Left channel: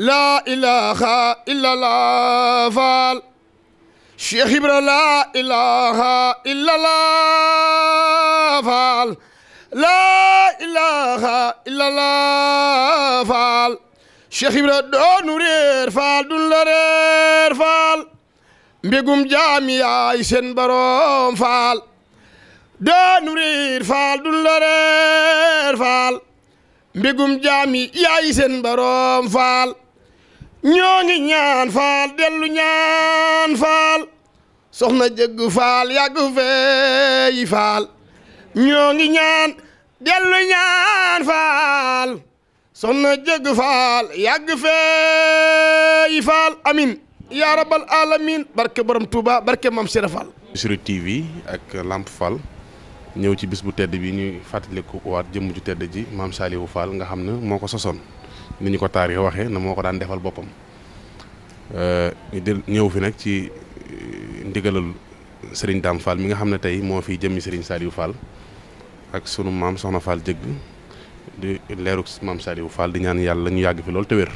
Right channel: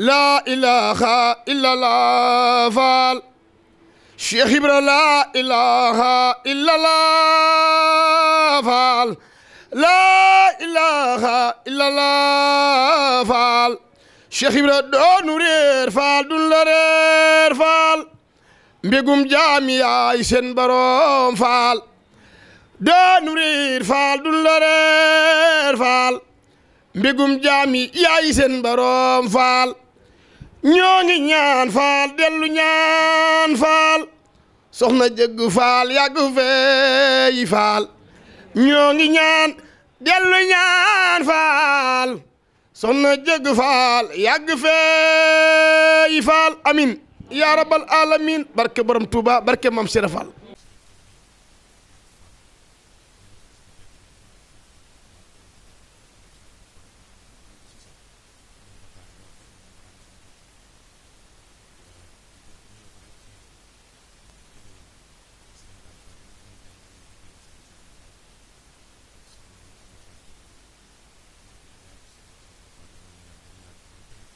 لا إله إلا الله فال شيخ إبراهيم لا إله إلا الله فال لا إله إلا الله فال شيخ إبراهيم دون رير فال دون رير فال mbégum jaami yaay seen borom faal doo riir faal dun la reer faal mbégum jaami yaay seen borom faal ñoo ngi ñaan faal dellu ñaan faal soxna jëgg faal yàgg feey faal ñoo ngi ñaan dellu ñaan faal soxna jëgg faal yàgg feey faal amin yaa rabbal alamin barke borom Touba barke Mame Cheikh Fall. Bichri TV ak Lamp Fall ñëw ci bis bu tedd bi ñuy fàttaliku waat jëmm ju tedd ji Mame Saliou Fall nga xam ne moo ko sosoon ni ñu ko taarix waxee na moo ko daan defal boppam ñëw fi nag ci ndigalal Serigne Dame Fall mi nga xam ne tey moo fi jëmmi Serigne Saliou Fall ak sunu maam Soxna Fall jëgg di leeruk Mame Saliou Fall di ñaan yàlla ñu yàgg fi loolu te wér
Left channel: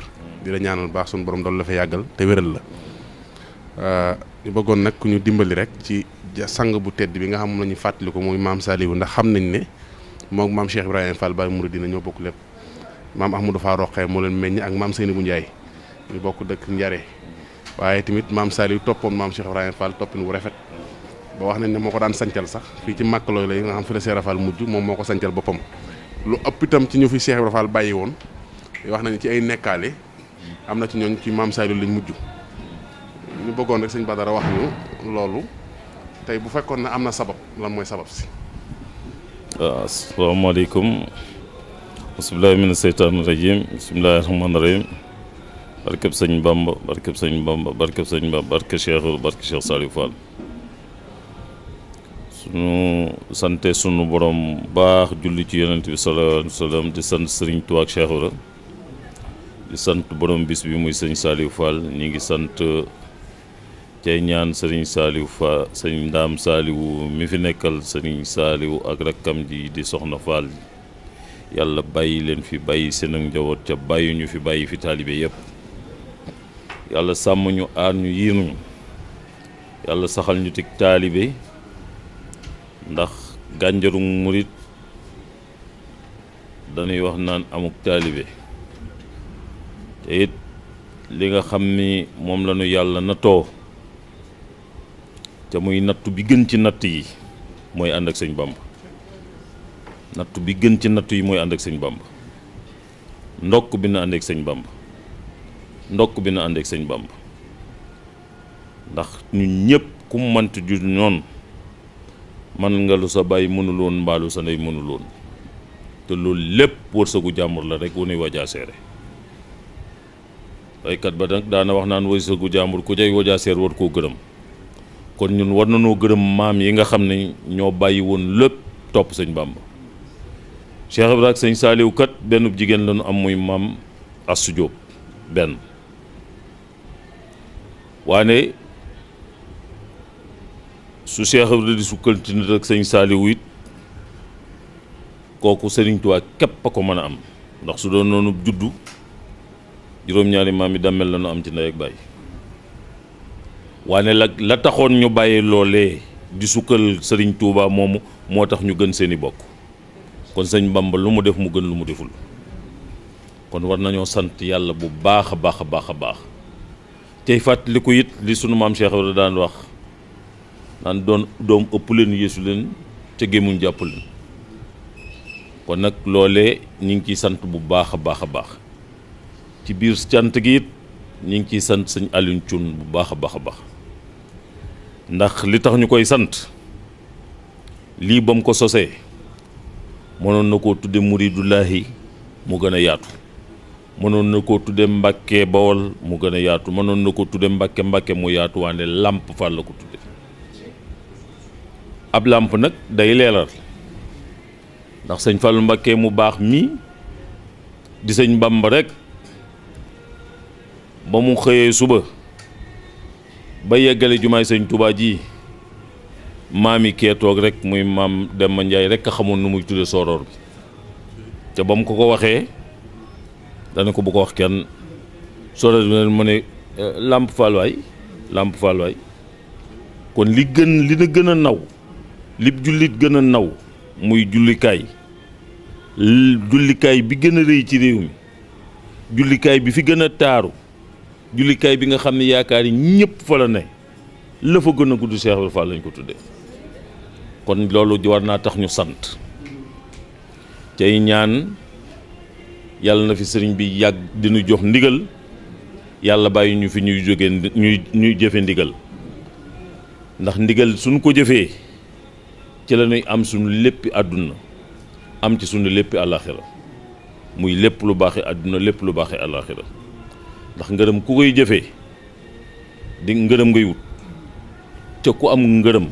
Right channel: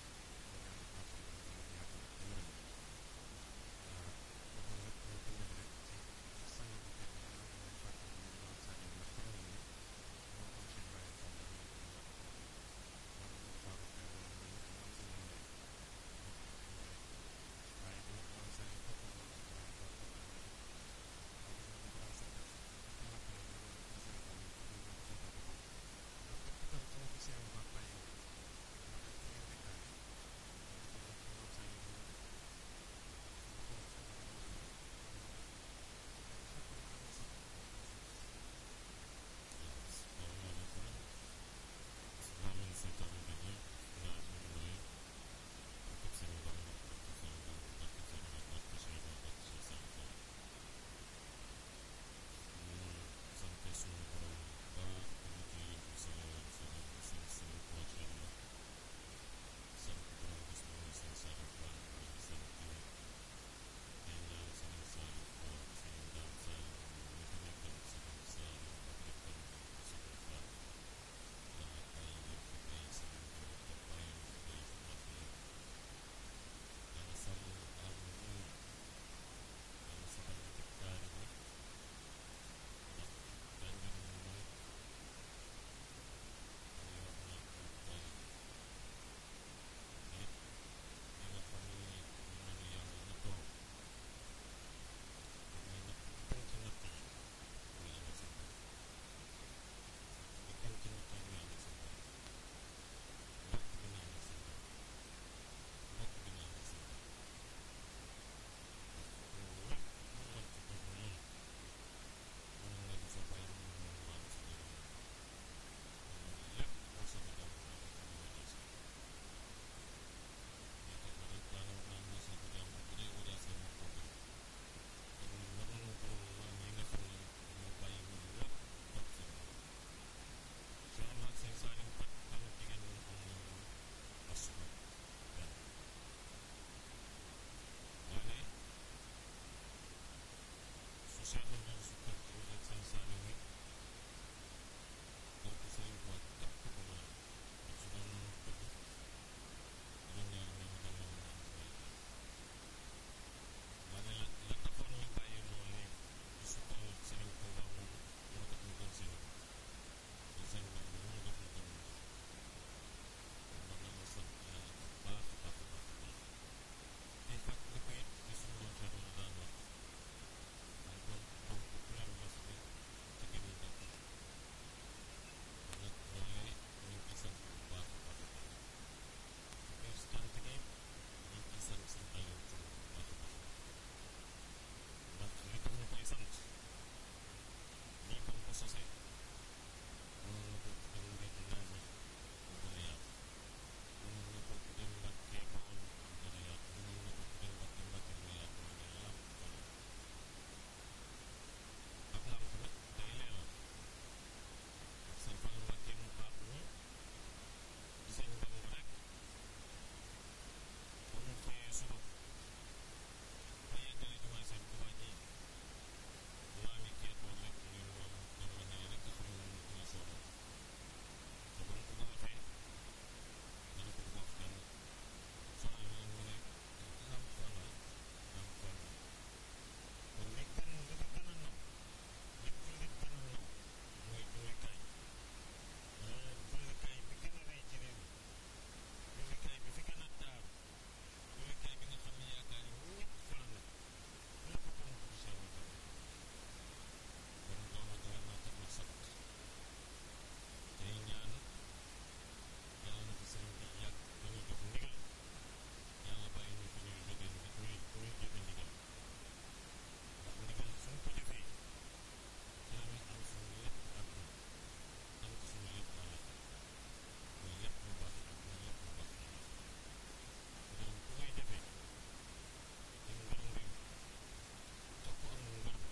di la ñaanal baax sunu borom doon la fa yàggal te wéral la ñu bëggoon nag ku ñu dimbali rek ci sang bu tedd bi nga xam moom la ñuy fàttali ko muy Mame Saliou ndax xam nañ ne moom Mame Cheikh Ibrahima Fall Baye Mouridina ñoo bokk lépp maam Ahmadou Fall Roqee moo leen meññ ak maam Seynabou Ndiaye ñu bokk dëkk Njare waaye tamit Mame Saliou toppoon Mame Cheikh Ibrahima Fall toppin wu rafet ba wax nañ ne moo ko daan sancal sax fii ci màkkalooy la yi nga xam fi la Cheikh Fall mujj moom moo ko sancal boppam lu ëpp itam ci ñu fi Cheikh Ibrahima Fall bàyyi woon wax nañ ci ay nekkaale am na ci ñooñ ci Mame Saliou lañ mujj ñu bëggoon rek sëñ Badara wax ñu loolu tey bu fekkoon ne am na sabab lan mooy sabab si. waaw asalaamaaleykum bismillahi mina seytaani rajim bismillahi rahmaani rahim barkeb sëñ Bamba barkeb sëñ Bamba barkeb sëñ Bamba barke Cheikh Saliou Fall sunu sante sunu borom baax julli ci yonent bi sallallahu alayhi wa sallam di sant sëriñ Tuubaa ak Cheikh Ibra di sant borom bis bi muy sëñ Saliou Fall ñi ngi sant cay ñaan sëriñ Saliou Fall sëñ Ndaam Saliou mi fi nekkal sëriñ Saliou ak rakkam ji di soxna Fall yàlla bàyyi leen fi bàyyi seen ak njaboot ca bàyyi ñu fi bàyyi fi taalibe yépp yàlla sàmm ñu aar ñu yiir ñu yàlla saxal ñu tig taalibe ndax gànjaru murit dañuy wax naan amuk taalibe te it li nga xam ni moom la ñu yàlla nattoo te muy nattu bi gën ci natt yi mooy ànd ak sëñ Bamba nattu bi gën ci nattu yi mooy ànd ak sëñ Bamba ndokk bi na ànd ak sëñ Bamba ndokk bi na ànd ak sëñ Bamba ndax ñun ñëpp ku mu mënti ju noonu man nga lu sa bàyyi mënuloon mbaalu sa ndey mënuloon te loolu lépp wërsëgu jàmbur la rek wu nuy wajaa seere baykat ba nag daana wax naan wërsëgu jàmbur ku jay wajaa seer war koo gërëm kon ñun war nañoo gërëm maam yi nga xam ne ñoo bàyyi woon lépp topp sëñ Bamba Cheikh Ibrahima ak sëñ Saliou kat benn jigéen lañu am muy maam Astou Diop benn waane su Cheikh Ibrahima di sukkanti nit ak sëñ Saliou it kooku Sëriñ Tuubaa képp a ko mën a am ndax su doon noonu juddu juróom-ñaari maam yi dammel la nu am ci ndey ak bàyyi waane la taxoon ñu bàyyi loolee di sukkal Sëriñ Tuubaa moomu moo tax ñu gën seeni bokk kon sëñ Bamba lu mu def mu gën lu mu deful kon war nañoo sant yàlla bu baax a baax a baax a baax tey fàttaliku it li sunu maam Cheikh Ibrahima daan wax naan doom ëpp leen yeesu leen ca gémmuñ jàpp leen kon nag loolee ñu ngi ciy sant bu baax a baax a baax ci biir cant gi it ñu ngi ciy sant sëñ Alioune Thioune bu baax a baax a baax ndax li tax ñu koy sant lii ba mu ko sosee mënoon na koo tudde muridullaahi mu gën a yaatu mënoon na koo tudde Mbàkke Bawol mu gën a yaatu, mënoon na ko tudde Mbàkke mu yaatu, waane Lamp Fall la ko tudde. ab làmp nag day leeral, ndax sëñ Fallu Mbàkke mu baax mii di sëñ Bamba rek ba mu xëyee suba ba yeggale jumaay sëñ Tuubaa ji maam yi kee toog rek muy maam Demba Njaay rek a xamoon nu muy tudde sooroor bi, te ba mu ko waxee dana ko bu ko wax kenn. sooroor bi mu ne Lamp Fall waay, Lamp Fall waay. kon li na gën a naw, li jullit gën a naw muy jullikaay bi gën a rëy ci réew mi, jullikaay bi fi gën a taaru, jullikaay bi nga xam ne yaakaar yi ñëpp fa la ne, la fa gën a gudd Cheikh Ibra Fall lañ ko tuddee. kon loolu war naa tax ñu sant cay ñaan yàlla na fi sëriñ bi yàgg dinu jox ndigal, yàlla bàyyi ñu fi ñuy jóge ñuy jëfe ndigal, ndax ndigal suñ ko jëfee ci la ñuy am suñu léppi àdduna, am ci suñu léppi àllaaxira, muy lépp lu baaxee àdduna, lépp lu baaxee àllaaxira. ndax ngërëm ku koy jëfee di ngërëm ngay wut, te ku am ngërëm,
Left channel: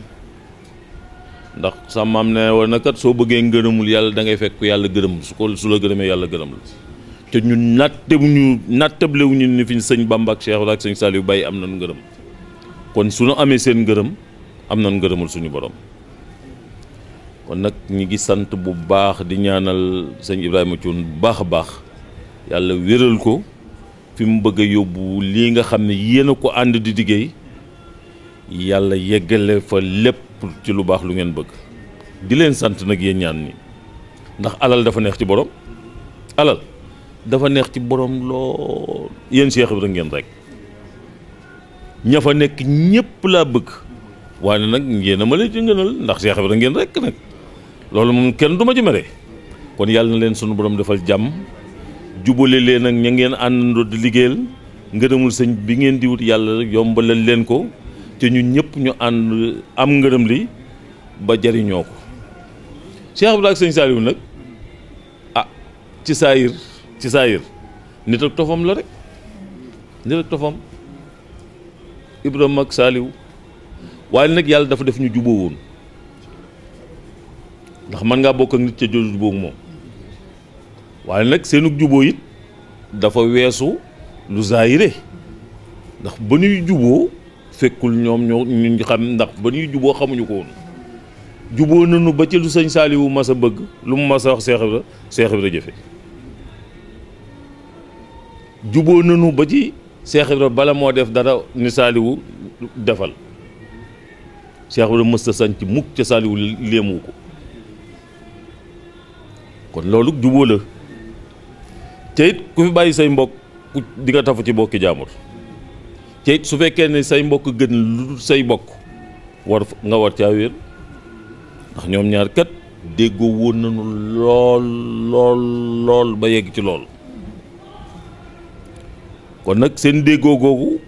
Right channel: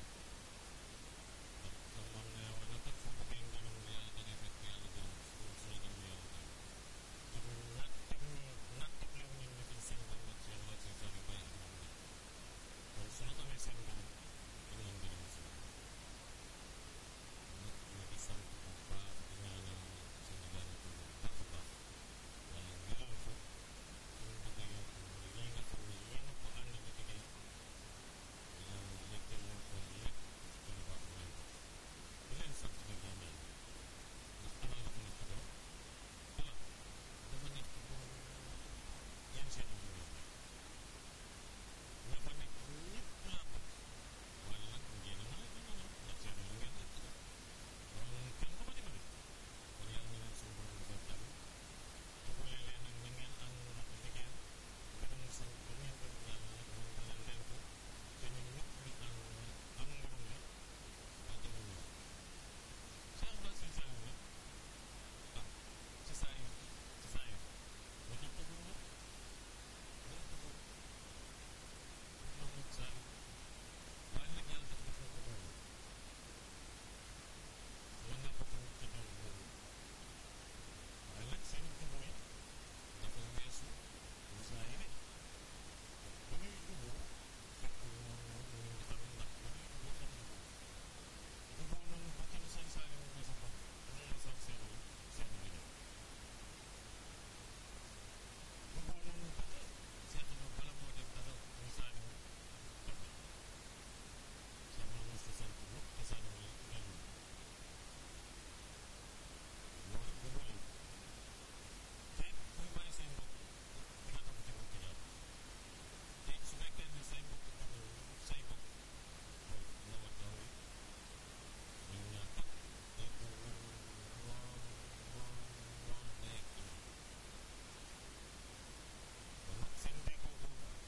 ndax sa maam ne woon na kat soo bëggee ngërëmul yàlla da ngay fekk yàlla gërëm, su la gërëmee yàlla gërëm la. te ñun nattablewuñu ni fi sëñ Bamba ak Cheikh ak sëñ Saliou Baye am nañu ngërëm, kon su ñu amee seen ngërëm am nañu ngërëmul suñu borom. kon nag ñi ngi sant bu baax di ñaanal sëñ Ibrahima Thioune bu baax a baax, yàlla wéral ko fi mu bëgg a yóbbu lii nga xam ne yéen a ko ànd di liggéey, yàlla yeggale fa lépp ci lu baax lu ngeen bëgg. di leen sant nag yéen ñaan ni, ndax alal dafa neex ci borom, alal dafa neex ci borom lool. yéen Cheikh Ibra ngeen rek, ña fa nekk ñëpp laa bëgg, waaye nag ngeen a ma la ci ngënal, ndax Cheikh Ibra ngeen rek nag, loolu moom kenn du ma ci mere. kon yàlla na leen sunu borom defal jàmm, jubale leen ak ña ngeen àndandoo di liggéeyal, ngërëmul sëñ bi ngeen di wut yàlla yombalal leen ko, te ñun ñëpp ñu ànd am ngërëm li ba jariñoo ko. Cheikh Ibra ak sëñ Saliou nag ci saayir nit ak tofam la rek, nit ak tofam Ibrahima ak Saliou, waaye nag yàlla dafa def ñu juboo woon, ndax mën ngaa bokk ak nit ca jubóog moom, waaye nag seenug juboo it dafa weesu lu zaayire, ndax ba ñuy juboo fekkul ñoom ñu xam, ndax ba ñuy juboo xamuñu ko woon. juboo nañu ba ci lu sëñ Saliou mas a bëgg, lu mu mas a wax Cheikh Ibra jëfe. juboo nañu ba ci Cheikh Ibra bala moo def dara ni Saliou defal, Cheikh Ibra mës a sañ ci mukk ca Saliou léemu ko. kon loolu juboo la, te it ku fi bàyyi say mbokk di nga tafu ci mbokki jaamur, te it su fekkee ne say mbokk gën lu say mbokk nga war caa wér, ndax ñoom ñaar kat déggoo woon nañu lool ba yegg ci lool. kon nag seen déggoo googu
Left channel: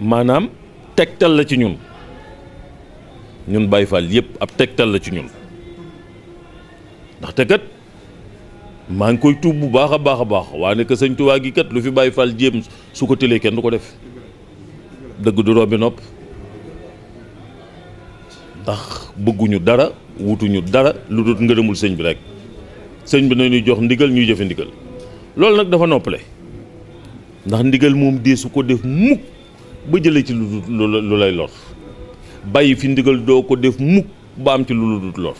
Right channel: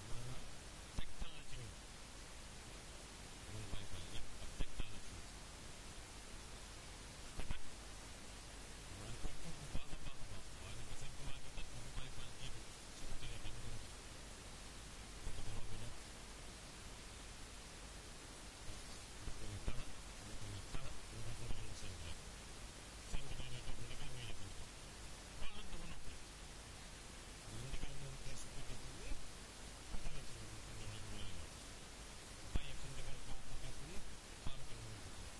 maanaam tegtal la ci ñun Baye Fall yëpp ab tegtal la ci ñun, ndaxte kat maa ngi koy tuub bu baax a baax, waaye que sëñ Tuubaa gi kat lu fi Baye Fall jéem su ko tëlee kenn du ko def, dëgg du rombi nopp, ndax bëgguñu dara wutuñu dara lu dul ngërëmul sëñ bi rek. sëñ bi nañuy jox ndigal ñuy jëfe ndigal, loolu nag dafa noppale, ndax ndigal moom dee su ko def mukk ba jëlee ci lu lay lor, bàyyi fi ndigal doo ko def mukk ba am ci lu dul lor.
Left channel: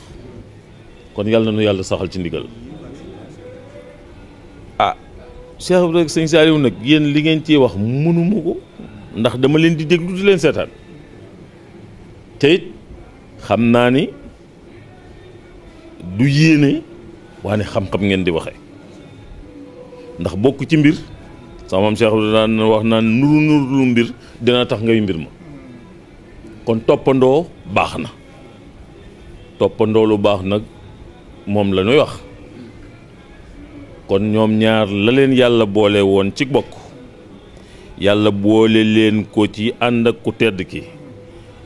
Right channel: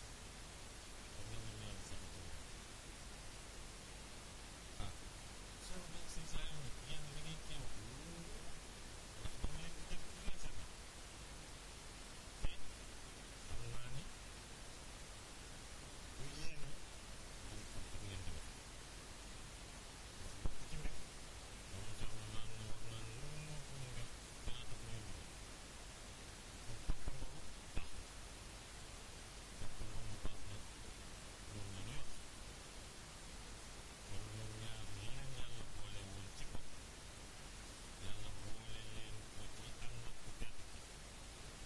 kon yàlla na nu yàlla saxal ci ndigal. Cheikh Ibra ak sëñ Saliou nag yéen li ngeen ciy wax mënuma ko, ndax dama leen di déglu di leen seetaan, te it xam naa ni du yéene waane xam-xam ngeen di waxee, ndax bokk ci mbir sama maam Cheikh Ibra daan wax naan nuru lu mbir dina tax ngay mbir ma. kon toppandoo baax na, toppandoo lu baax nag moom la ñuy wax. kon ñoom ñaar la leen yàlla boole woon ci bokk, yàlla boole leen ko ci ànd ak ku tedd ki,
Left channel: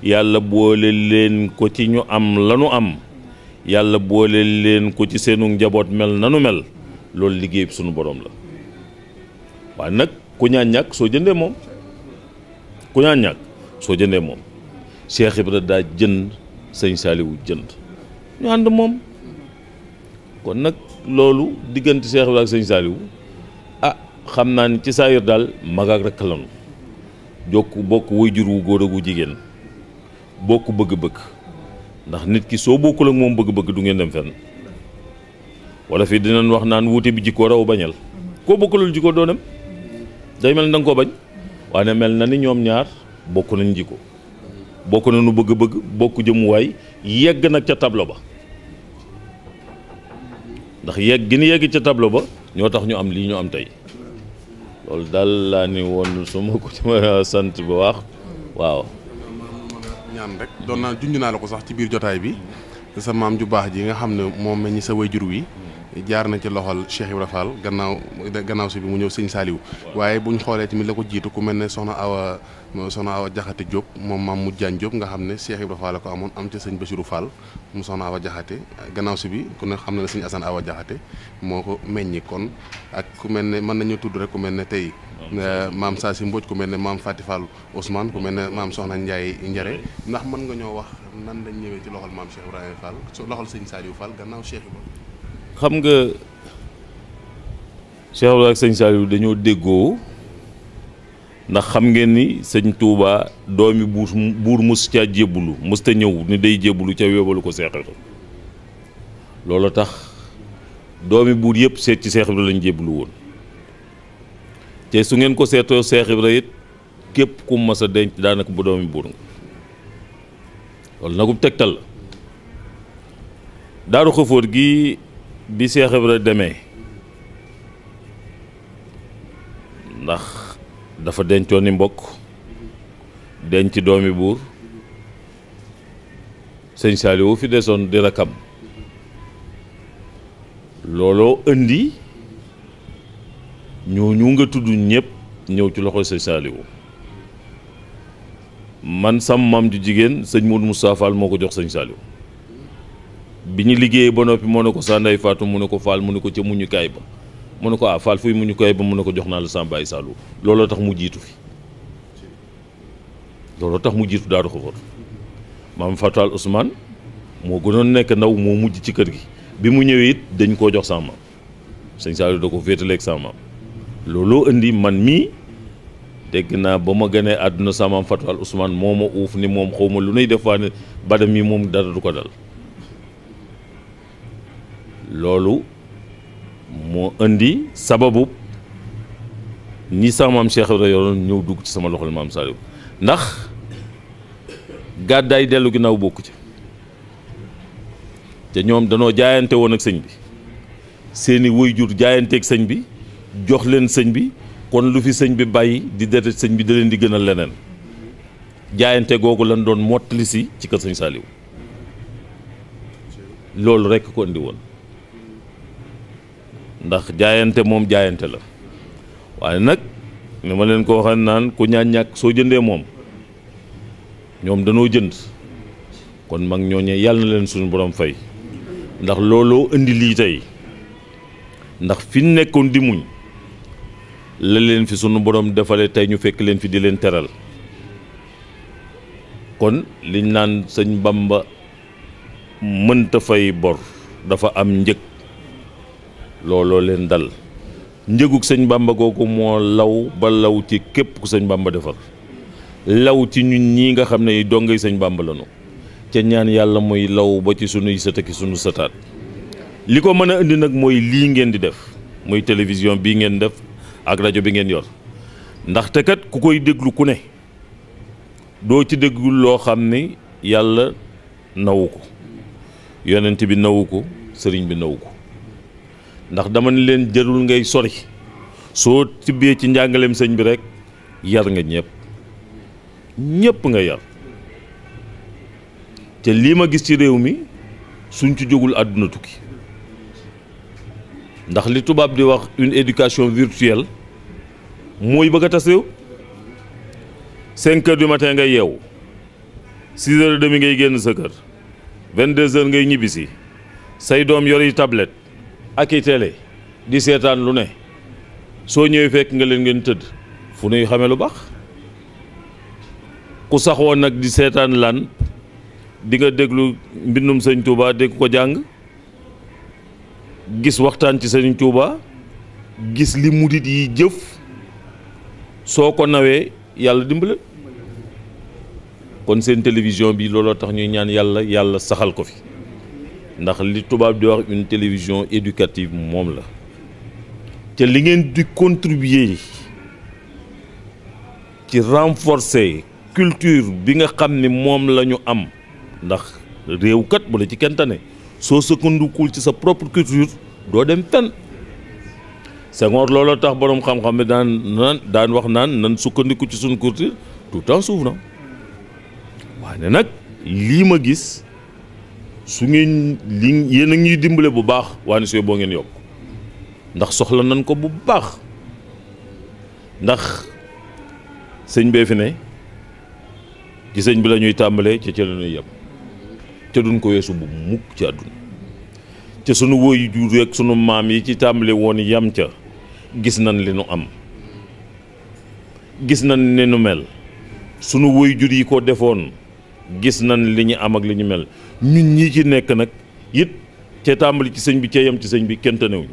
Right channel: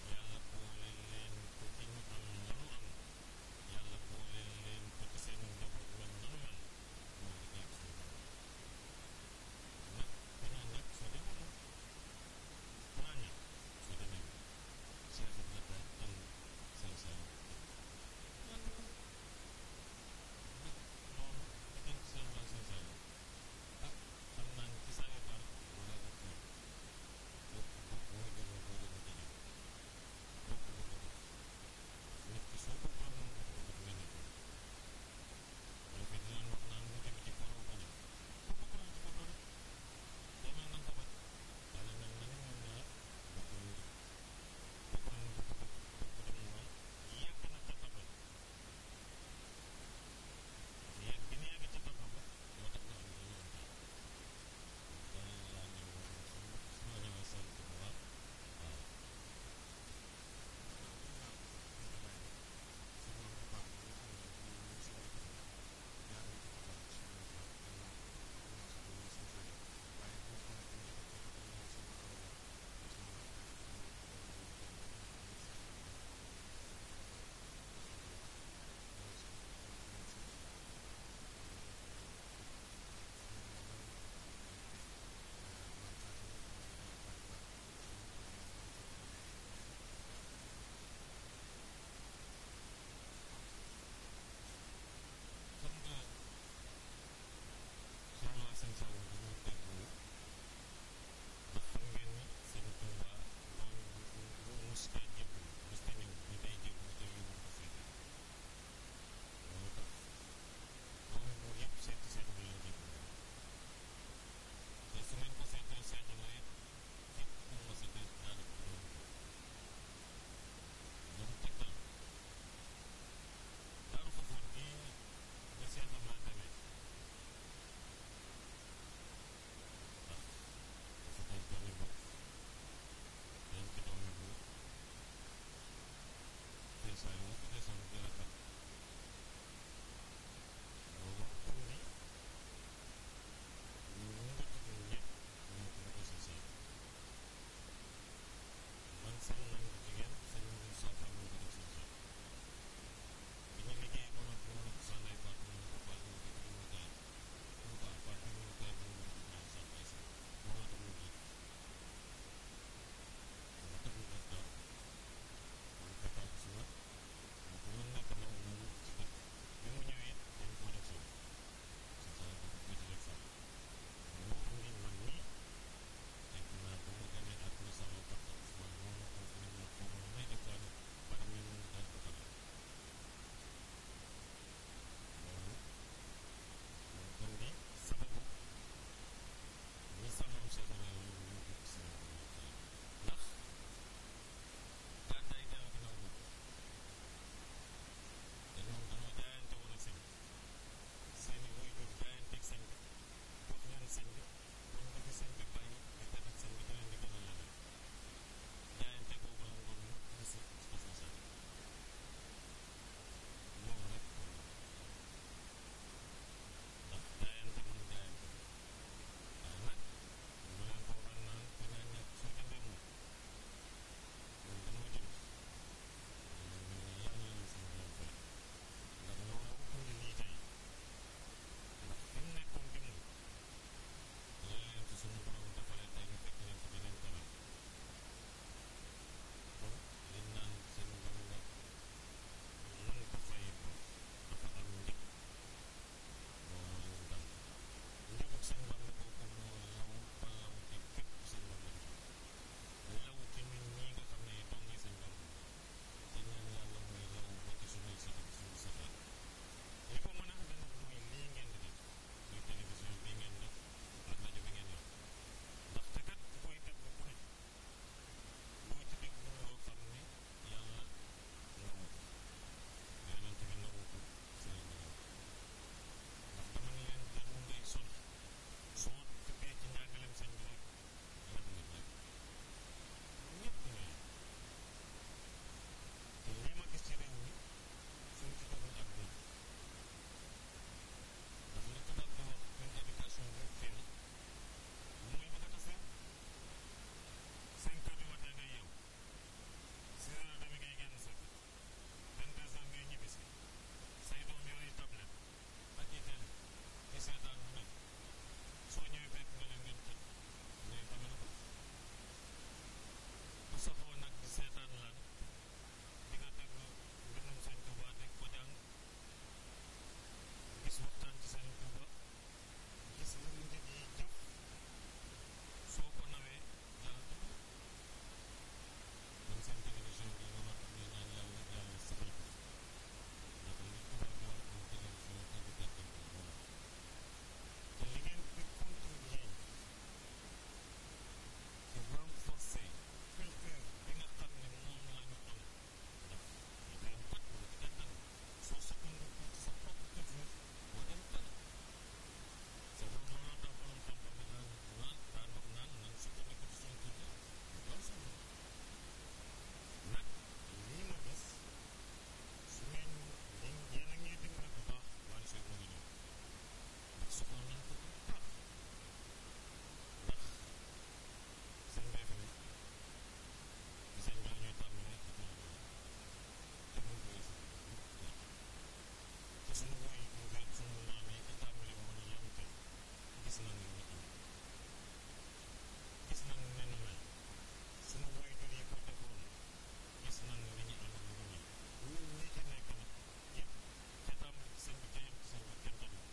yàlla boole leen ko ci ñu am lanu am, yàlla boole leen ko ci seenu njaboot mel nanu mel, loolu liggéey bi sunu borom la. waaye nag ku ñaan ñàkk soo jëndee moom ku ñaan ñàkk soo jëndee moom Cheikh Ibra daa jënd sëñ Saliou jënd ñu ànd moom kon nag loolu diggante Cheikh Ibra ak sëñ Saliou xam naa ni ci saayir daal mag ak rekk lanu bokk waajur wu góor ak wu jigéen bokk bëgg-bëgg ndax nit ki soo bokkul ak moom bëgg-bëgg du ngeen dem fenn wala fii dinañ wax naan wuute bi jikkoo raw bañal koo bokkulul jikkoo doo dem day mel ni da nga koo bañ waaye mel na ni ñoom ñaar bokk nañ jikko bokk nañu bëgg-bëgg bokk jëmuwaay yegg nag ca tableau ba ndax yegg gi ni yegg ca tableau ba ñoo tax ñu am lii ñu am tey loolu daal laa ni woon su ma ko ci ma sant bu baax waaw. ñaan rek doon naa junj naa la ko sax ci biir jotaay bi sa maam ju baax ji nga xam ne moom meññi sa wayjur wi jaar na ci loxol Cheikh Ibra Fall gannaaw si bi mu ñëw sëñ Saliou waaye buñ xoolee tamit la ko jiitu ku mel ne soxna Awa Jaxate Diop moom maam mu Jaan Diop nga xam ne Cheikh Ibra Fall la ko amoon am ca sëñ Bassirou Fall mu soxna Awa Jaxate gannaaw si bi ku ne xam na ne sëñ Assane Awa Jaxate moo ko meññi kon ak ku mel ne mën nañu tudd rek ku mel ne tey maam Saasi Mbodj ku mel ne maam Fati Fall Ousmane ku mel ne maam Soxna Ndiaye Njare ndax mën nga ñoo wax nan lañ ñëwee ci loxol maam Cheikh Ibrahima Fall loxol sëñ Saliou Fall gannaaw Cheikh Ibrahima. xam nga Cheikh Ibrahima ak sëñ Saliou dañoo déggoo ndax xam ngeen ni sëñ Touba doomi buur mos caa jébbulu mos ta ñëw ni day jébbulu ca yóbbalu ko Cheikh Ibrahima loolu tax doomi buur yëpp seet ci Cheikh Ibrahima lañ jébbulu woon te su ngeen ko seetoo Cheikh Ibrahima it képp ku mas a denc daanaka bu doomi buur nga loolu nagub tegtal la Daaru Xafoor gi bi Cheikh Ibrahima demee ndax dafa dencoon ni mbokk denc doomi buur sëñ Saliou fi desoon di rakam looloo indi ñooñu nga tudd ñëpp ñëw ci loxo sëñ Saliou man sam maam ju jigéen sëñ Modou Moustapha Fall moo ko jox sëñ Saliou bi ñu liggéeyee ba noppi moo ne ko sa ndey Fatou mu ne ko Fall mu ne ko ca muñukaay ba mu ne ko Fall fuy muñukaay ba mu ne ko jox naa la sa baay Saliou looloo tax mu jiitu fi looloo tax mu jiitu Daaru Xafoor maam Fatou Al Ousmane moo gënoon nekk ndaw moo mujj ci kër gi bi mu ñëwee it dañ koo jox sama maam sëñ Saliou da ko féetaleeg sama maam looloo indi man mii dégg naa ba ma gënee àdduna sama maam Fatou Al Ousmane moo ma uuf ni moom xaw ma lu nuy def waa ne bada mi moom dara du ko dal loolu moo indi sababu ñi sama maam Cheikh Ibrahima yoroon ñëw dugg ci sama loxol maam Saliou ndax gàddaay dellu ginnaaw bokku ci te ñoom danoo jaayante woon ak sëñ bi seeni waajur jaayanteeg sëñ bi jox leen sëñ bi kon lu fi sëñ bi bàyyi di deret sëñ bi da leen di gënal leneen jaayante googu lan doon mottali si ci kër sëñ Saliou loolu rekk ko indi woon ndax jaayante moom jaayante la waaye nag ni ma leen ko waxee naan ku ñaan ñàkk soo jëndee moom ñoom danoo jënd kon mag ñooñee yàlla na leen suñu borom fay ndax looloo indi lii tey ndax fi ñu nekkoon di muñ la leen fi sunu borom defalee tey ñu fekk leen fi di leen teral kon liñ naan sëñ Bamba mënta fay bor dafa am njëg looloo leen dal njëgug sëñ Bamba googu moo law ba law ci képp ku sëñ Bamba defar law ci ñun ñii nga xam ne dongay sëñ Bamba lañu ca ñaan yàlla mooy law ba ci sunuy sët ak sunu sëtaat li ko mën a indi nag mooy lii ngeen di def muy télévision bii ngeen def ak rajo bi ngeen yor ndaxte kat ku koy déglu ku ne doo ci déglu loo xam ni yàlla nawu ko yonent bi nawu ko sëriñ bi nawu ko ndax dama ne leen jërul ngay sori soo tibbee ci njàngaleem sëñ bi rek yar nga ñëpp nga yar te lii ma gis ci réew mi suñ ci jógul àdduna tukki ndax li tubaab di wax une éducation virtuelle mooy bëgg a tas réew 5 heures du matin ngay yeewu 6 heures et demi ngay génn sa kër 22 heures ngay ñibbisi say doom yor yi tablette ak i télé di seetaan lu ne soo ñëwee fekk nga leen ngeen tëdd fu nuy xamee lu baax. ku saxoo nag di seetaan lan di nga déglu mbindum sëñ Touba dégg ko jàng gis waxtaan ci sëñ Touba gis li murit yi jëf soo ko nawee yàlla dimbale. kon seen télévision bi looloo tax ñuy ñaan yàlla saxal ko fi ndax li tubaab di wax une télévision éducative moom la te li ngeen di contribuer ci renforcer culture bi nga xam ni moom la ñu am ndax réew kat bu la ci kenn tane soo sukkandikul ci sa propre culture doo dem fenn. Senghor looloo tax boroom xam-xam bi daan wax naan nan sukkandiku ci suñu culture tout en s'ouvrant. waaye nag lii ma gis su ngeen yéen a ngi dimbale bu baax waaye sooy boo ngeen yokk ndax soxla nañ ko bu baax ndax sëñ bee fi ne ci sëñ bi la ñuy tàmbalee ca la ñuy yem te duñ ko weesu bu mukk ci àdduna te sunu woy jur rek sunu maam yi ci tàmbale woon yam ca gis nañ li nu am gis nañ ne nu mel sunu woy jur yi ko defoon gis nañ li ñu am ak li ñu mel ñun ñii ci nekk nag it ca tàmbali ci sëñ bi ca yem ci sëñ bi kenn tanewuñu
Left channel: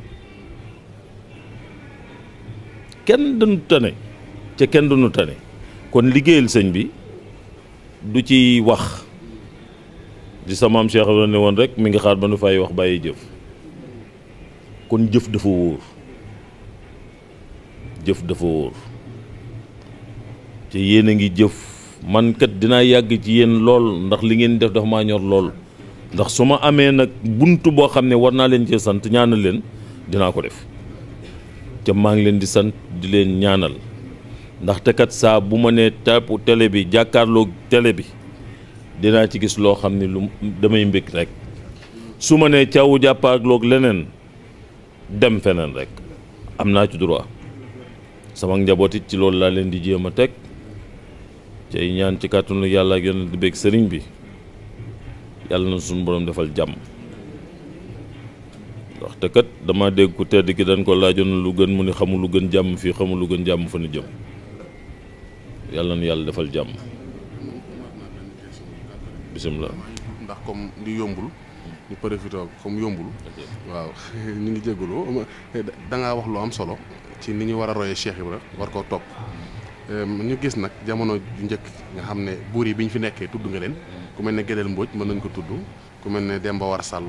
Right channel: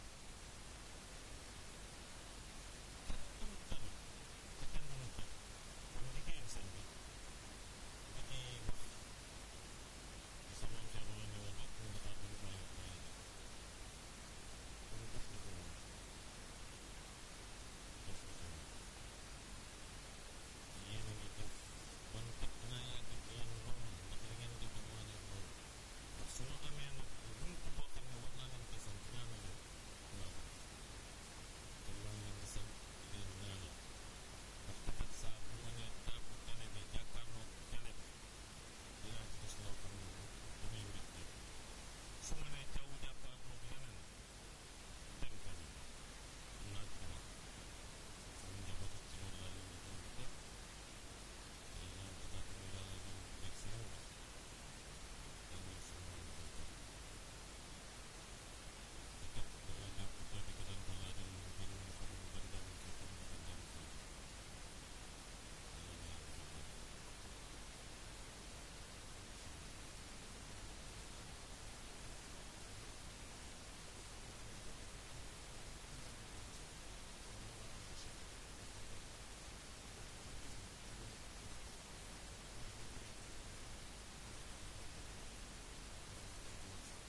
kenn duñu tane ca kenn duñu tane kon liggéeyal sëñ bi du ci wax di sa maam Cheikh la ne woon rek mi ngi xaar ba nu fay wax bàyyi jëf kon jëf dafa wóor jëf dafa wóor te yéen a ngi jëf man kat dinaa yàgg ci yéen lool ndax li ngeen def dafa maa ñor lool ndax su ma amee nag bunt boo xam ne war naa leen cee sant ñaanal leen dinaa ko def te maa ngi leen di sant di leen ñaanal ndaxte kat saa bu ma nee tàpp télé bi jàkkaarloog télé bi dinaa ci gis loo xam ne lu damay mbég rek su ma nee caw jàppaarloog leneen dem feneen rek am naa ci droit sama njaboot it ci loolu laa leen di jéem a teg cay ñaan ci kàttanu yàlla ak yonent di bég sëriñ bi yàlla na suñu borom defal jàmm ndaxte kat dama dégg ku tedd ki dañ ko laajoon lu gën mu ni xamul lu gën jàmm fii xamul lu gën jàmm fa nu jëm yàlla na yàlla defal jàmm bisimilah. ndax comme li yombul ñu profité comme yombul waaw ñu ngi jégalu da ngaa wax lu am solo ci ni ñu war a royee Cheikh Ibra war koo topp ñu gis nag jamono ju njëkk nga xam ne buur yi bi ñu fi nekkee tudd nga leen ku mel ne Gédel Mbodj mën nañ ko tudd ku mel ne Demba War Sall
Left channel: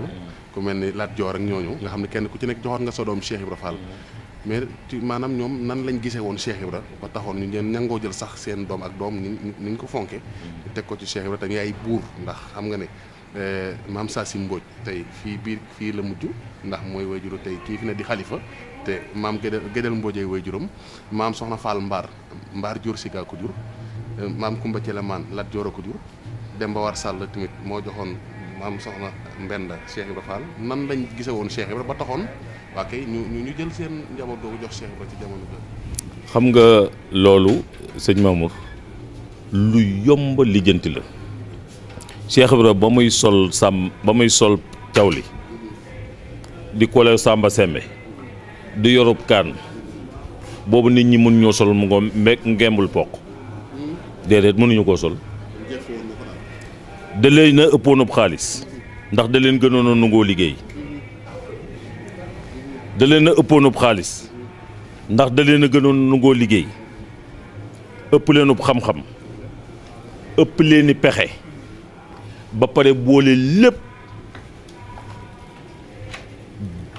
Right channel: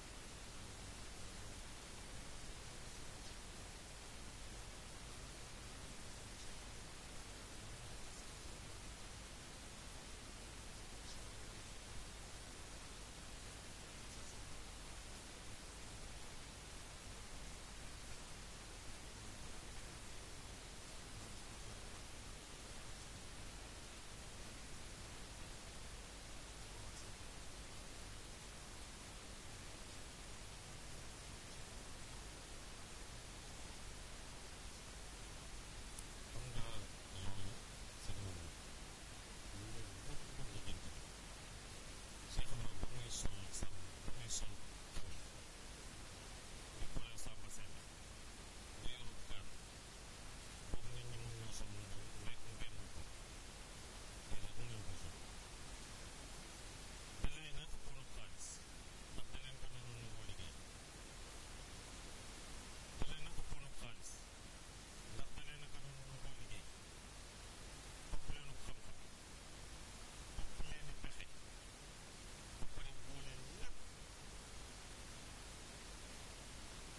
ku mel ne Lat Joor ak ñooñu nga xam ne kenn ku ci nekk joxoon nga sa doom Cheikh Ibra Fall mais maanaam ñoom nan lañ gisee woon Cheikh Ibra ba taxoon ñu leen ñangoo jël sax seen doom ak doom ni ñu ko fonke teg ko ci Cheikh Ibra te ay buur ndax xam nga ne maam Sassi Mbodj tey fii la mujj ndax mooy wayjuru tey kii fi ne di xalifa te maam Gédel Mbodj ay wayjuram maam Soxna Fall Mbaar jur si gaa ko jur maam Kumba Celemaan Lat Joor a ko jur Demba War Sall tamit moo joxoon maam Soxna Mbenda Cheikh Ibra Fall nan lañ gise woon Cheikh Ibra ba taxoon waa kay ñu jël seen njaboot googu jox Cheikh Ibra ci jamono bi. xam nga loolu sëñ Mamour lu yomb lijjanti la Cheikh Ibra ba muy sol cawli di kole Samba Sembe di yorub kaan boobu nit ñi mën ñoo sol mu ngo ngembul poq déedéet mënuñu koo sol da leen a ëppoonub xaalis ndax da leen gënoon a nangoo liggéey da leen a ëppoonub xaalis ndax da leen a gënoon a nangoo liggéey ëpp leenub xam-xam ëpp leeni pexe ba pare boole lépp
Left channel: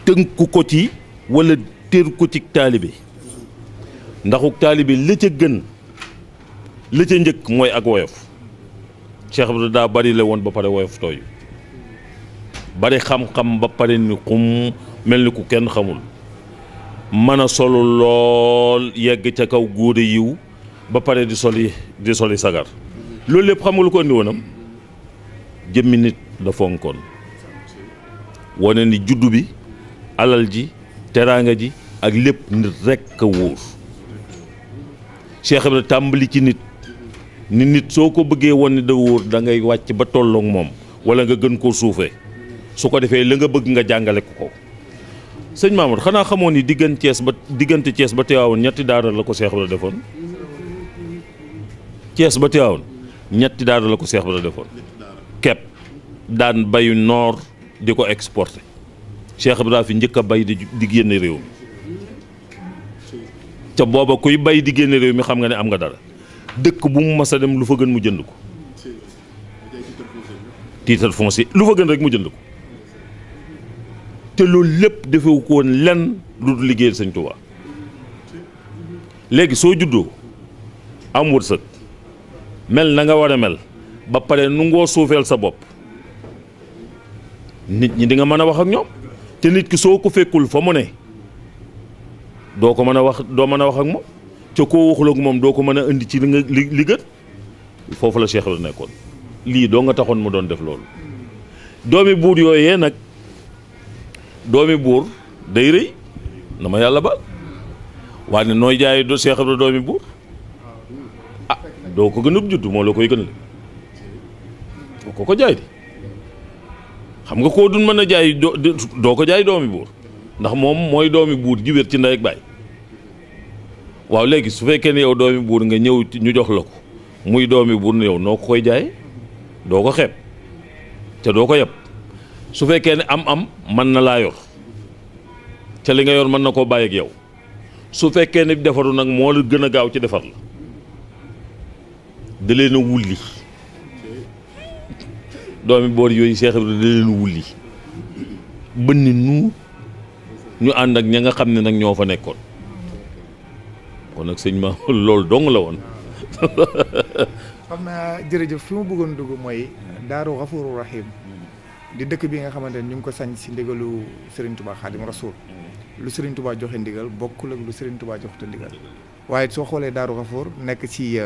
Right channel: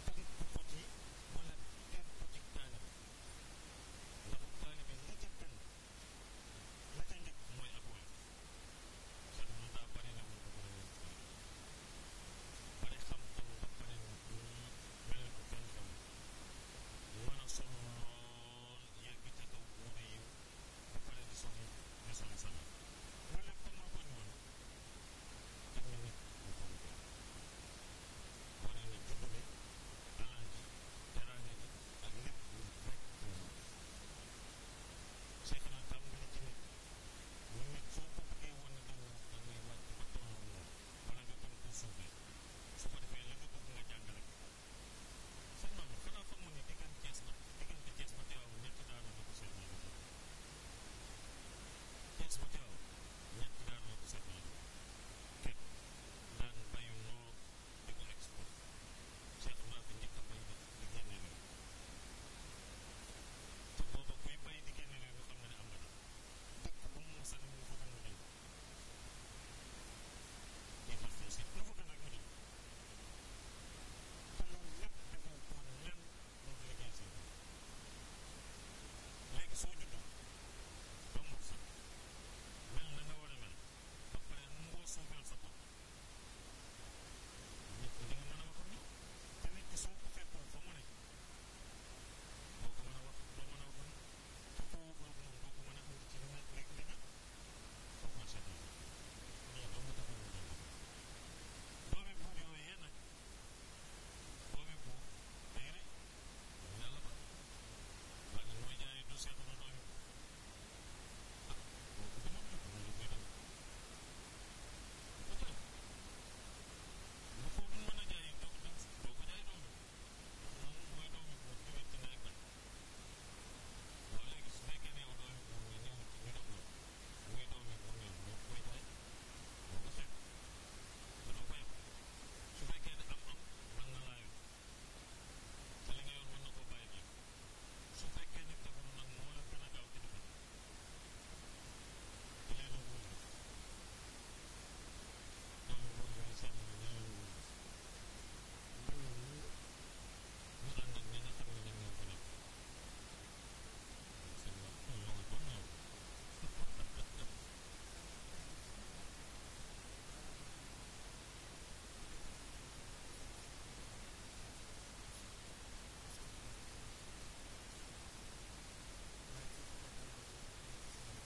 tënku ko ci walla téer ko ci taalibe ndaxuk taalibe la ca gën la ca njëkk mooy ak woyof Cheikh Ibra daa bari la woon ba pare woyof tooy bari xam-xam ba pare ni xum mel ni ku kenn xamul mën a solu lool yegg ca kaw góode yiw ba pare di soli sagar loolu lépp xam nga lu ko indi woonam jëmmi nit la fonkoon wane ni juddu bi alal ji teraanga ji ak lépp nit rekk a wóor Cheikh Ibra tàmbali ci nit ni nit soo ko bëggee woon ni da wóor da ngay wàcc ba tolloog moom wala nga gën koo suufee su ko defee la nga bëgg nga jàngale ko sëñ Mamour xanaa xamoon ni diggante Thiès ba Tivaouane ñetti daara la ko Cheikh Ibra defoon Thiès ba Tivaouane ñetti daara la ko Cheikh Ibra defoon kepp daan bayu noor di ko exporté Cheikh Ibra fi njëkk a bay di génne réew mi ca booba kuy bay di génne réew mi xam nga ne am nga dara dëkk bu mu mas a dem lu fa gën mu jënd ko titre foncier lu fa gën rek mu jënd ko te loolu lépp defewu ko woon lenn lu dul liggéeyal Sëñ Tuubaa léegi soo juddoo am wërsëg mel na nga war a mel ba pare nu ngoo suufeel sa bopp nit ñi di nga mën a wax ak ñoom te nit ki soo ko fekkul fa mu ne doo ko mën a wax ak moom ca koo waxul ak moom doo ko mën a indi ci li gën foofu la Cheikh la nekkoon lii doo nga taxoon mu doon def loolu doomi buur yooyee nag doomi buur day rëy na ma yàlla baal waaye nooy jaay do Cheikh Ibra doomi buur ah doo ko gën a judd moo la koy gën la ko jaay di xam nga koo dun mën a jaay doo ko jaay doomi buur ndax moom mooy doomi buur ji wér ci ndey ak baay waaw léegi su fekkee ne yow doomi buur nga ñëw ñu jox la ko muy doomi buur ne yow noo ko koy jaay doo ko xeeb te doo ko yeb su fekkee ne am mën na laa yor te li nga yor mën na koo bàyyi ak yow su fekkee ne defaru nag moo la gën a gaaw ci defar la da leen a wulli doomi boor yooyu Cheikh Ibra da leen a wulli bënni nu ñu ànd ak ña nga xam ne nag ñoo fa nekkoon kon nag sëñ ma loolu dong la woon xam naa jërëjëf fi mu bëggoon dugg mooy Daaru Xafuuru Rahim di dëkk bi nga xamante ne ñu ngi ko sañ si ndigalu Serigne Touba Khadim Rasoul lu Serigne Touba joxe ndigal bokkul ak lu Serigne Touba joxte ndigal waaye soo xoolee Daaru Xafuur nekk ci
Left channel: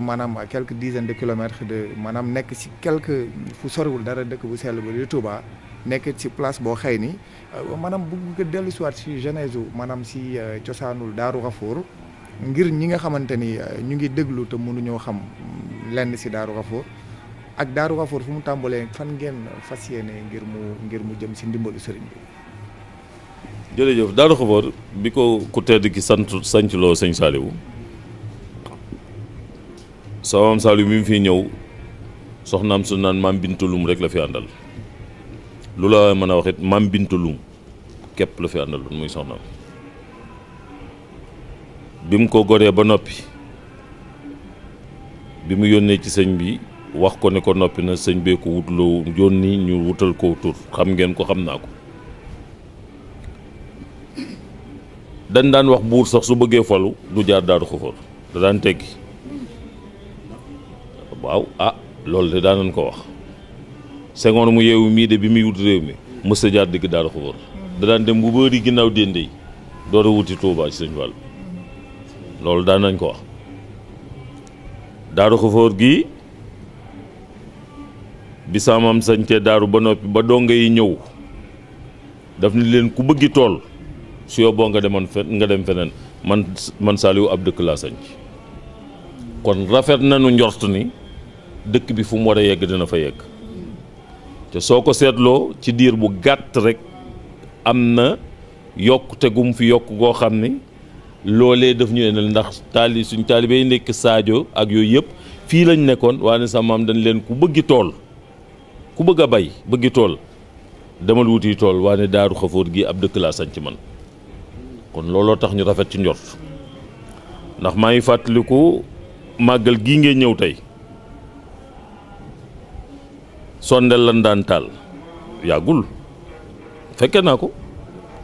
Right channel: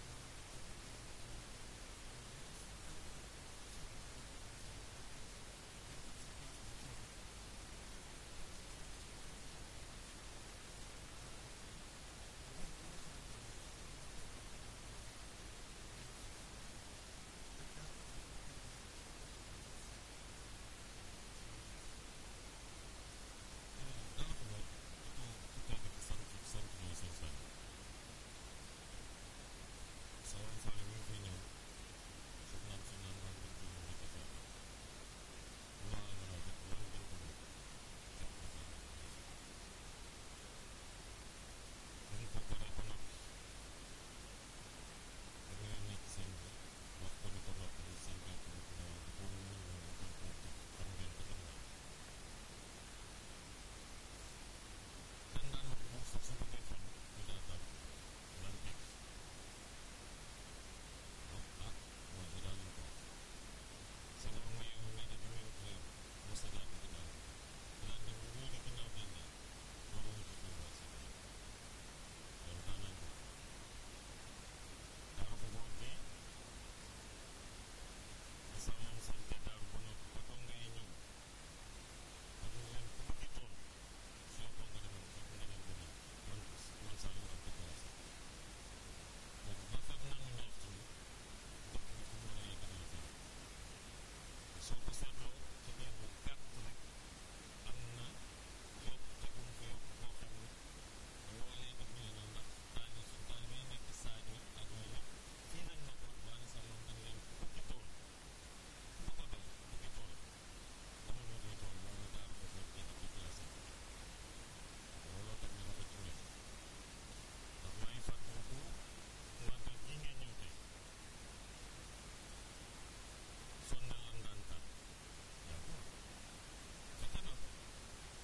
maanaam à quelques dizaines de kilomètres de maanaam nekk ci quelque fu soriwul dara dëkk bu sell ba di Touba nekk ci place boo xëy ni maanaam bëgg nga dellu si waat si genèse maanaam si cosaanul Daaru Xafuur ngir ñi nga xamante ni ñu ngi déglu te mënuñoo xam lenn si Daaru Xafuur ak Daaru Xafuur fu mu tàmbalee fan ngeen fas yéene ngir mu jëm si ndimbalu sëriñ bi. jërëjëf Daaru Xafuur bi ko ku tedd ki sancloo sëñ Saliou sa maam Saliou bi mu fi ñëw soxnaam su naan maam Bintulum rek la fi àndal lu la mën a wax it maam Bintulum képp la fi àndal muy soxnaam bi mu ko goree ba noppi bi mu yónnee ci sëñ bi wax ko ne ko noppi na sëñ bee ko wutloo yónni ñu wutal ko tur xam ngeen ko xam naa ko dañ daan wax buur sax su bëggee falu du jaar Daaru Xafuur da daan teggi waaw loolu de daan nañ ko wax Senghor mu yeewu mii de bi muy wut réew mi mës a jaar digg Daaru Xafuur da daan dem bu bëri ginnaaw dénde yi door a wuti Tuubaa ci sëñ Fall loolu daan nañ ko wax Daaru Xafuur gi bi saamam sañcee daaru ba noppi ba donga yi ñëw daf ni leen ku bëggi tool su yóbboo nga dem feneen man Saliou ab dëkk laa sañc kon rafet nañu njort ni dëkk bi fu mu war a yegg dina fa yegg te soo ko seetloo ci diir bu gàtt rek am na yokk te gum fi yokk goo xam ni loolee daf ñu ne ndax suñ taalibe yi nekk Sadio ak yooyu yëpp fii lañ nekkoon waaye sa maam dañ leen ku bëggi tool ku bëgg a bay bëggi tool demal wuti tool waaye Daaru Xafuur gi ab dëkk laa sañc man kon looloo tax ñu rafet ci njort ndax maa ngi fàttaliku màggal gii ngeen ñëw tey sondel lan daan taal yàggul fekke naa ko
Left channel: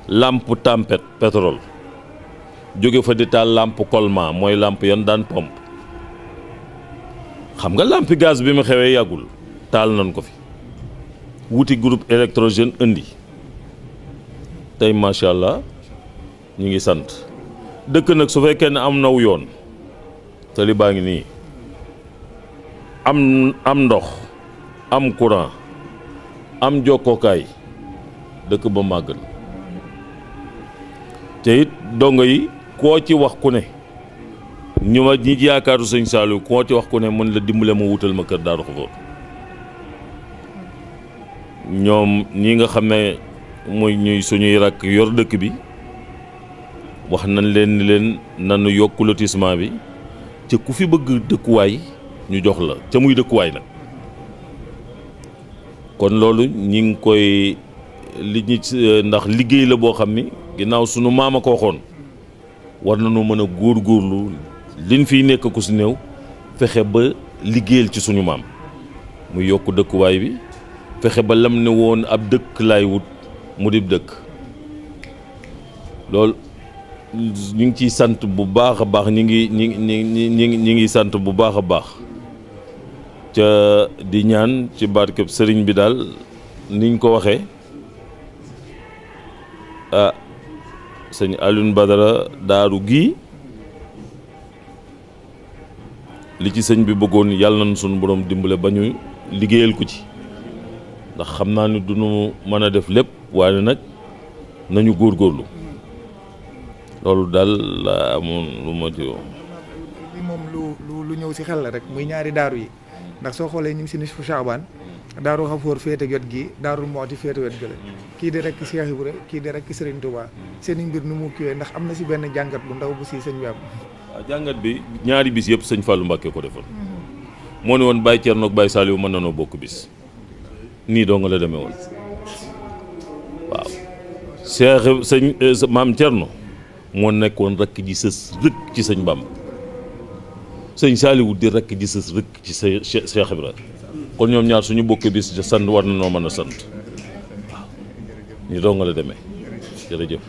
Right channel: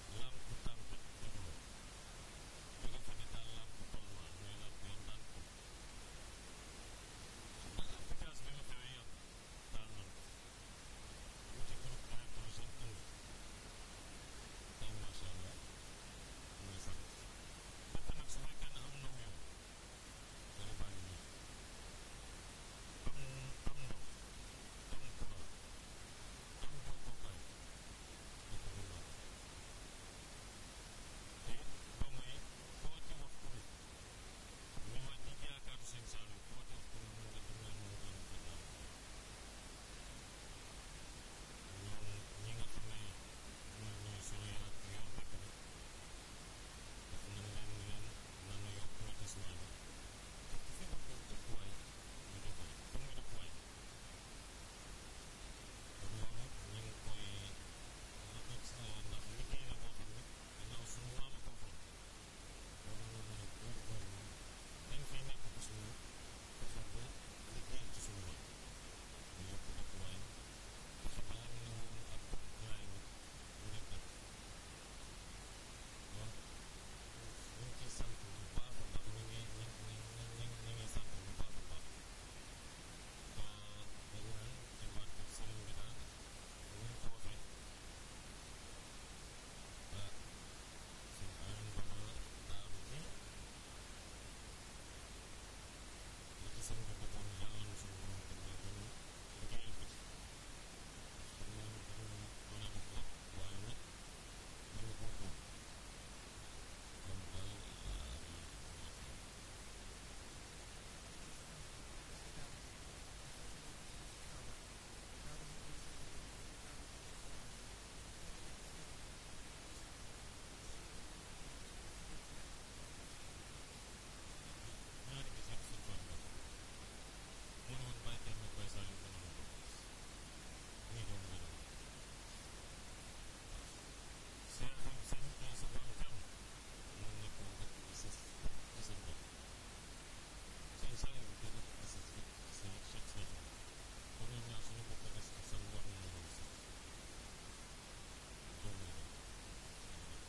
lampe tempête pétrole jóge fa di taal lampe colma mooy lampe yan daan pompe xam nga lampe gaz bi mu xewee yàggul taal nañ ko fi wuti groupe électrogène indi tey macha allah ñu ngi sant dëkk nag su fekkee ne am naw yoon tali baa ngi nii am ndox am courant am jokkookaay dëkk ba màgg na te it dongo yi koo ci wax ku ne ñu ma ñi yaakaaru sëñ Saliou koo ci wax ku ne mën la dimbale ma wutal ma kër Daaru Xafuur ñoom ñi nga xam ne mooy ñuy suñuy rakk yor dëkk bi wax nañ leen ni leen nanu yokk lotissement bi ca ku fi bëgg dëkkuwaay ñu jox la ca muy dëkkuwaay nag kon loolu ñi ngi koy ndax liggéey la boo xam ni ginnaaw sunu maam a ko waxoon war nañoo mën a góorgóorlu liñ fiy nekk ku si néew fexe ba liggéeyal ci suñu maam muy yokk dëkkuwaay bi fexe ba lam ne woon ab dëkk laay wut mu dib dëkk loolu ñu ngi ciy sant bu baax a baax ñi ngi sant bu baax a baax ca di ñaan ci barkeb sëriñ bi daal niñ ko waxee ah sëñ Alioune Badara daaru gii li ci sëñ bi bëggoon yàlla nañ suñu borom dimbale ba ñu liggéeyal ko ci ndax xam naa ni duñu mën a def lépp waaye nag nañu góorgóorlu loolu daal la amoon lu ma ci li moom lu ñëw si xel la rek muy ñaari daaru yi ndax soo xoolee ñu ngi si nisfu Chaabaan daaru Xafoor féete jot gi daaru Mooti féete wet gële kii di rek Cheikh Ibra kii di rek Serigne Touba seen i mbir nu mu kiwee ndax am na si benn jàngat bu ndaw bu si sëñ bi am. waaw jàngat bi ñaari bis yëpp sëñ Fallou Mbacké ko defoon moo ne woon Baye Thierno ak Baye Saliou mën nanoo bokk bis nii doo nga la demee woon waaw Cheikh sëñ maam Thierno moo nekkoon rakk ji sës rëkk ci sëñ Bamba sëñ Saliou di rakk ji sës rëkk ci sa Cheikh Ibra kon ñoom ñaar suñu bokkee bis ja sant war na noo mën a sant waaw ñu doo nga la demee jërëjëf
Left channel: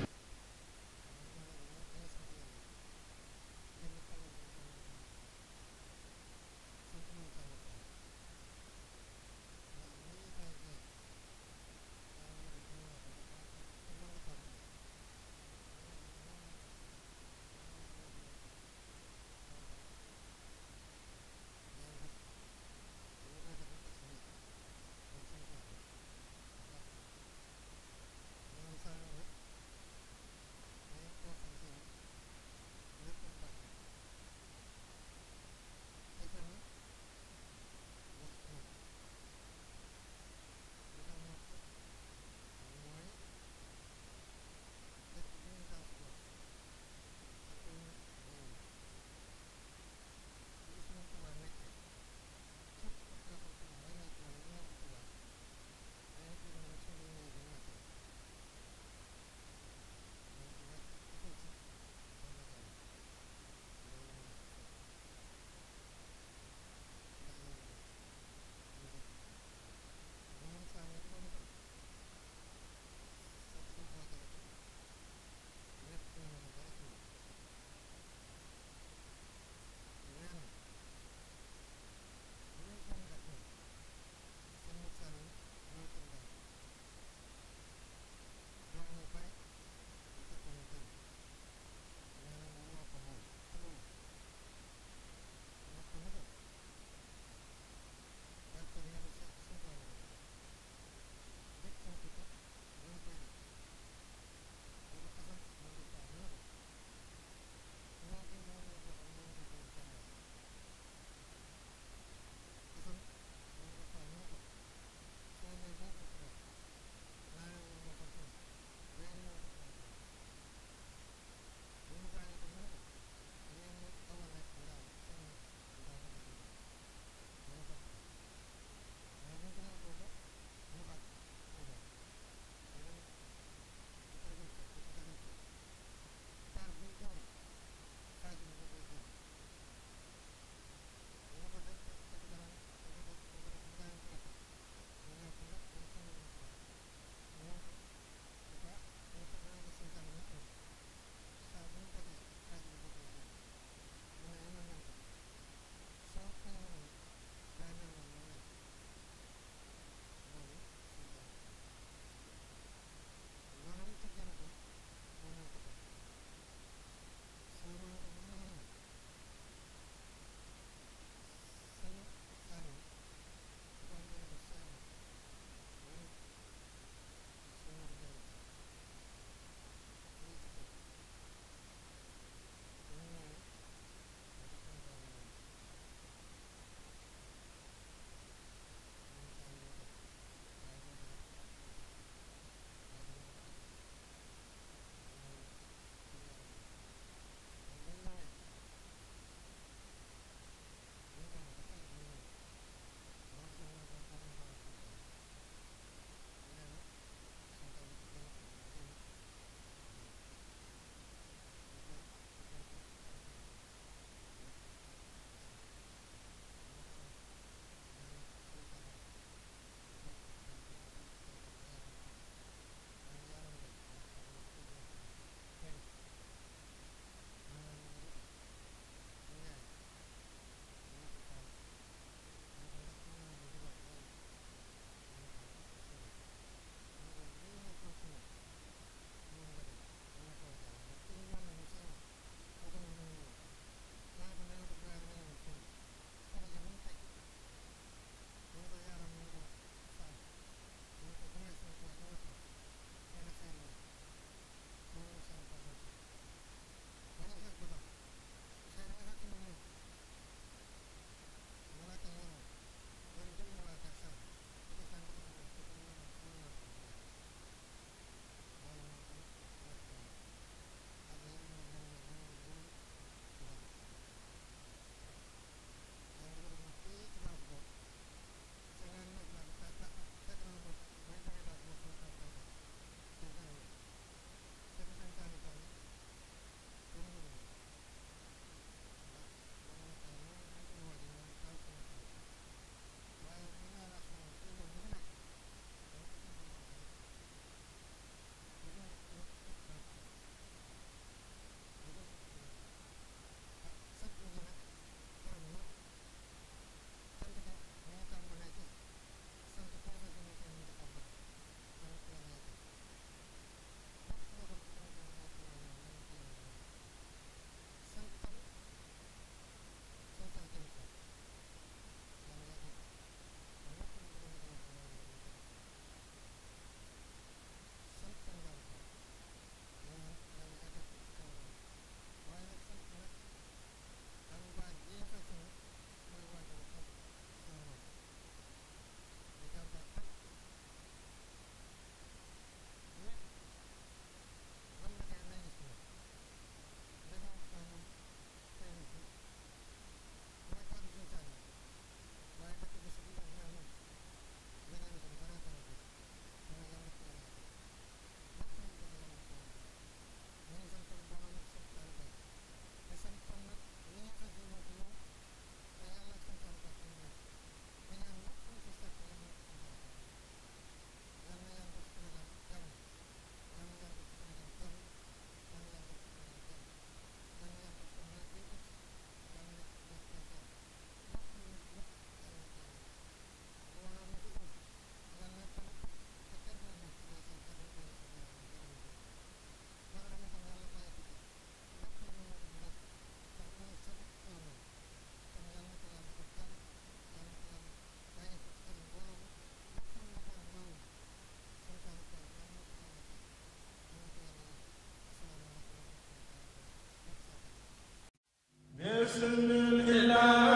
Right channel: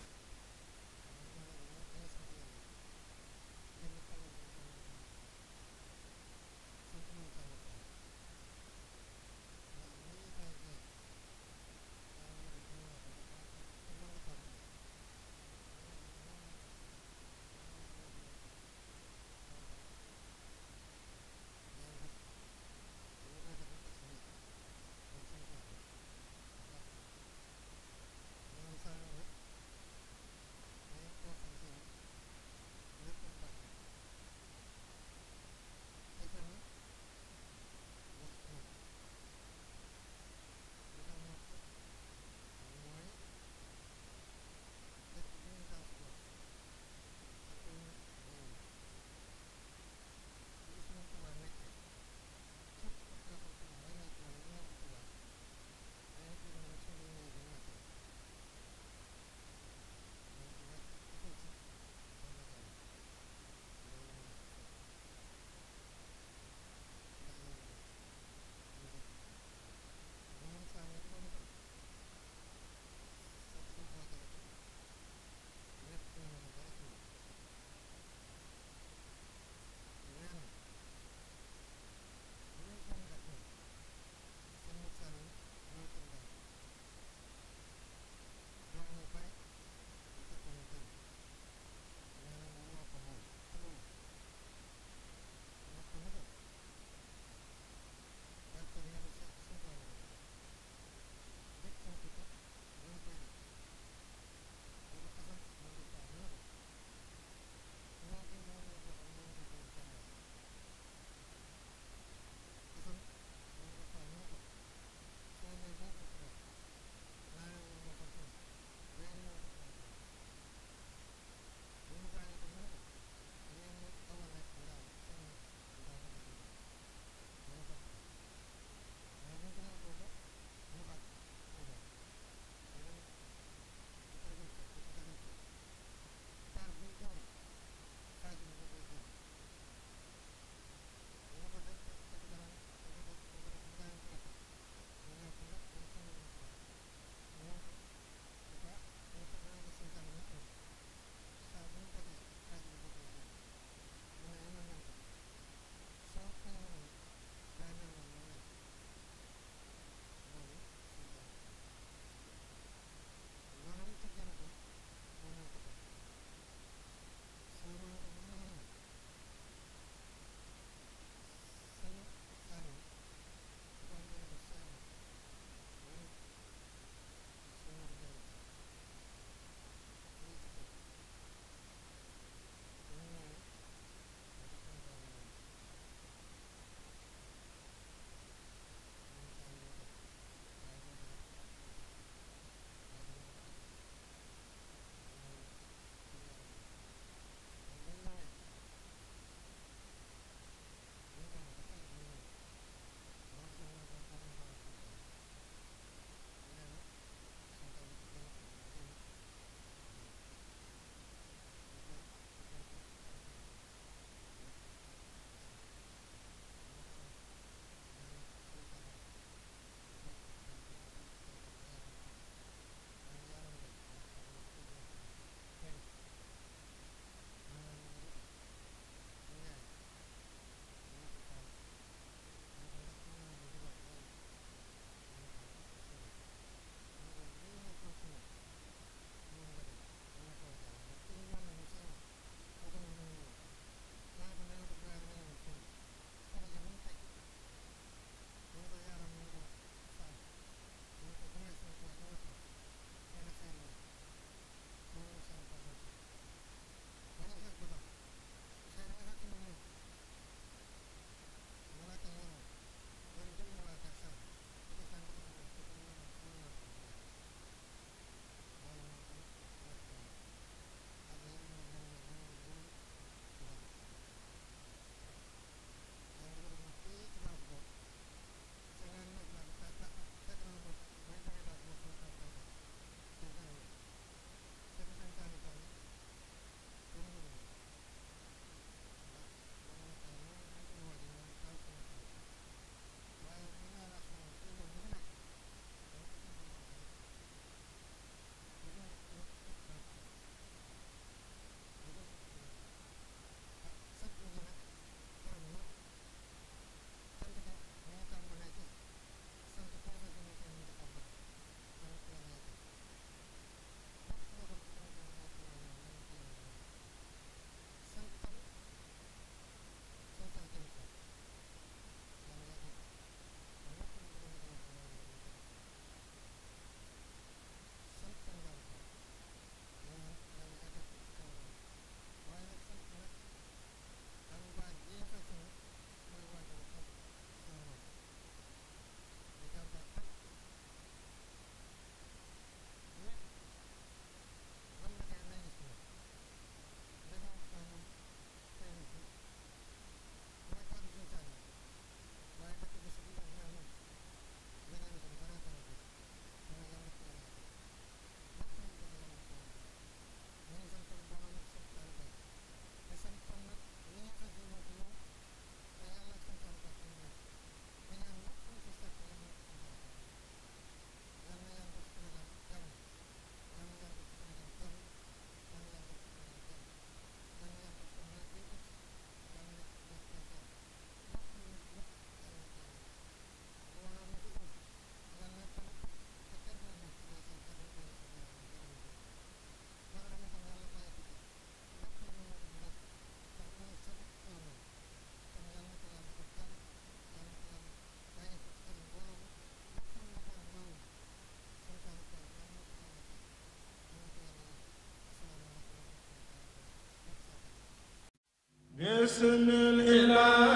Bismillah